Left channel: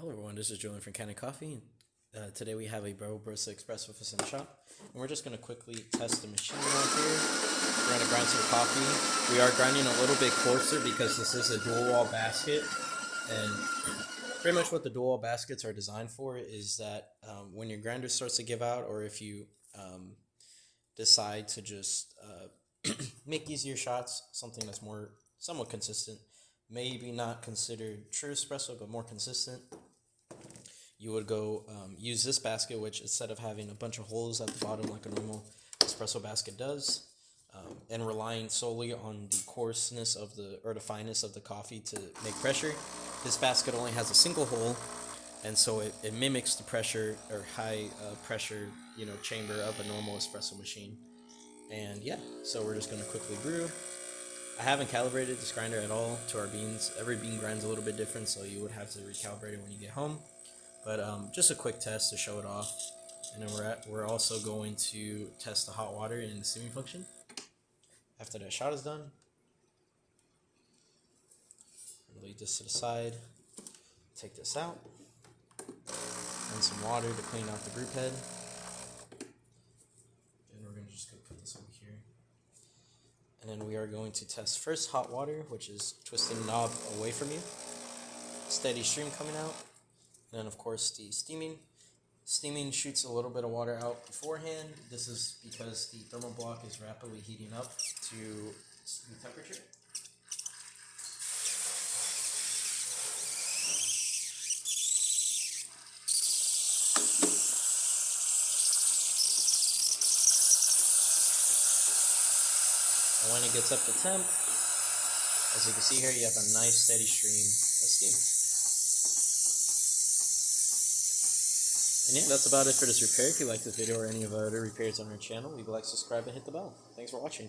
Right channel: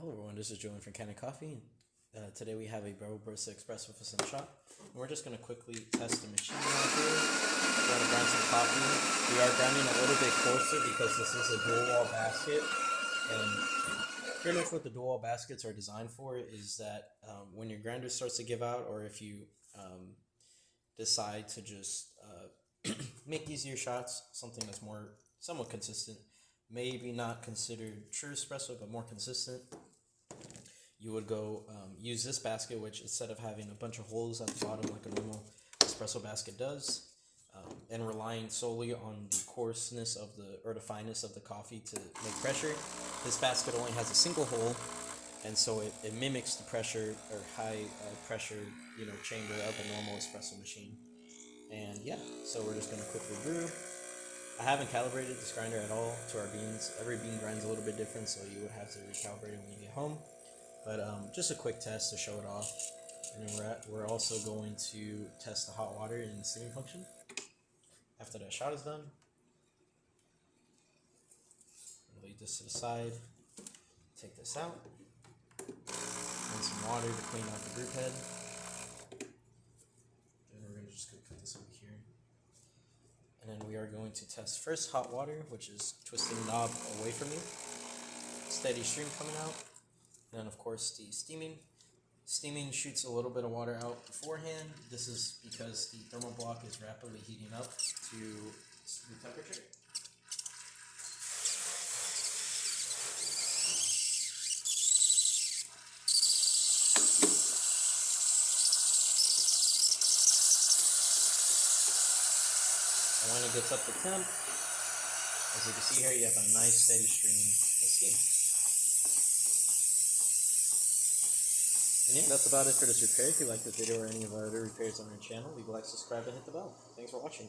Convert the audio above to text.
Hello everyone, this is Julian from Kanen Coffee. Today we have a Barista espresso for some shop. And we're just going to quickly test the machine right here. We're going to grind some coffee. We are grinding a little bit coarser because this is a dual wall basket. And pretty much what the dual wall baskets are designed for is that when your grinder starts to give out, or if you decide to just make easier shots, something that's more somewhat consistent, maybe not considered true espresso, but more consistent, you would go use this basket, which instead of having a bunch of holes at the bottom like a normal espresso basket does, and relying solely on the coarseness of the fineness of the coffee to make pressure, this basket only has a single hole, and so it mimics the pressure or high pressure chamber of a normal espresso machine. And yeah, so we're just going to quickly brew. I haven't calibrated this grinder at all to our beans. Every bean grinds a little bit different, so you would have to recalibrate it when you get home. But just a quick test to show it off. And then we're also going to test the hot water and the steaming function. After that shot is done, leave this to the side. Take this out. And some water to clean out the group head. Then we're going to just go put this over here. And then we are going to test first hot water, which is twisting the knob away from you. Steady stream coming out. And then of course the steaming. Steaming shoots a little bit of water out beforehand. This is because the thermal block is rapidly heating up to the temperature. And when it gets up to temp, as you can see here, you have a nice steady stream of steam. And yeah, that's about it for this repair. If you like this video or any of our other repairs on our channel, leave a like, subscribe, and hit the bell. Thanks for watching.